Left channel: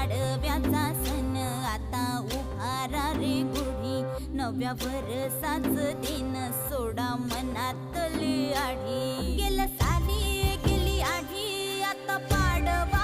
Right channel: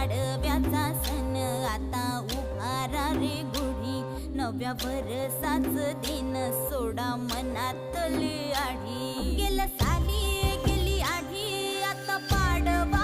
पाडव्याचा सण आता उभारा रे गुढी नव्या वर्षाच दिन सोडा मनातली आढी गेल्या साली गेली आढी आता पाडवा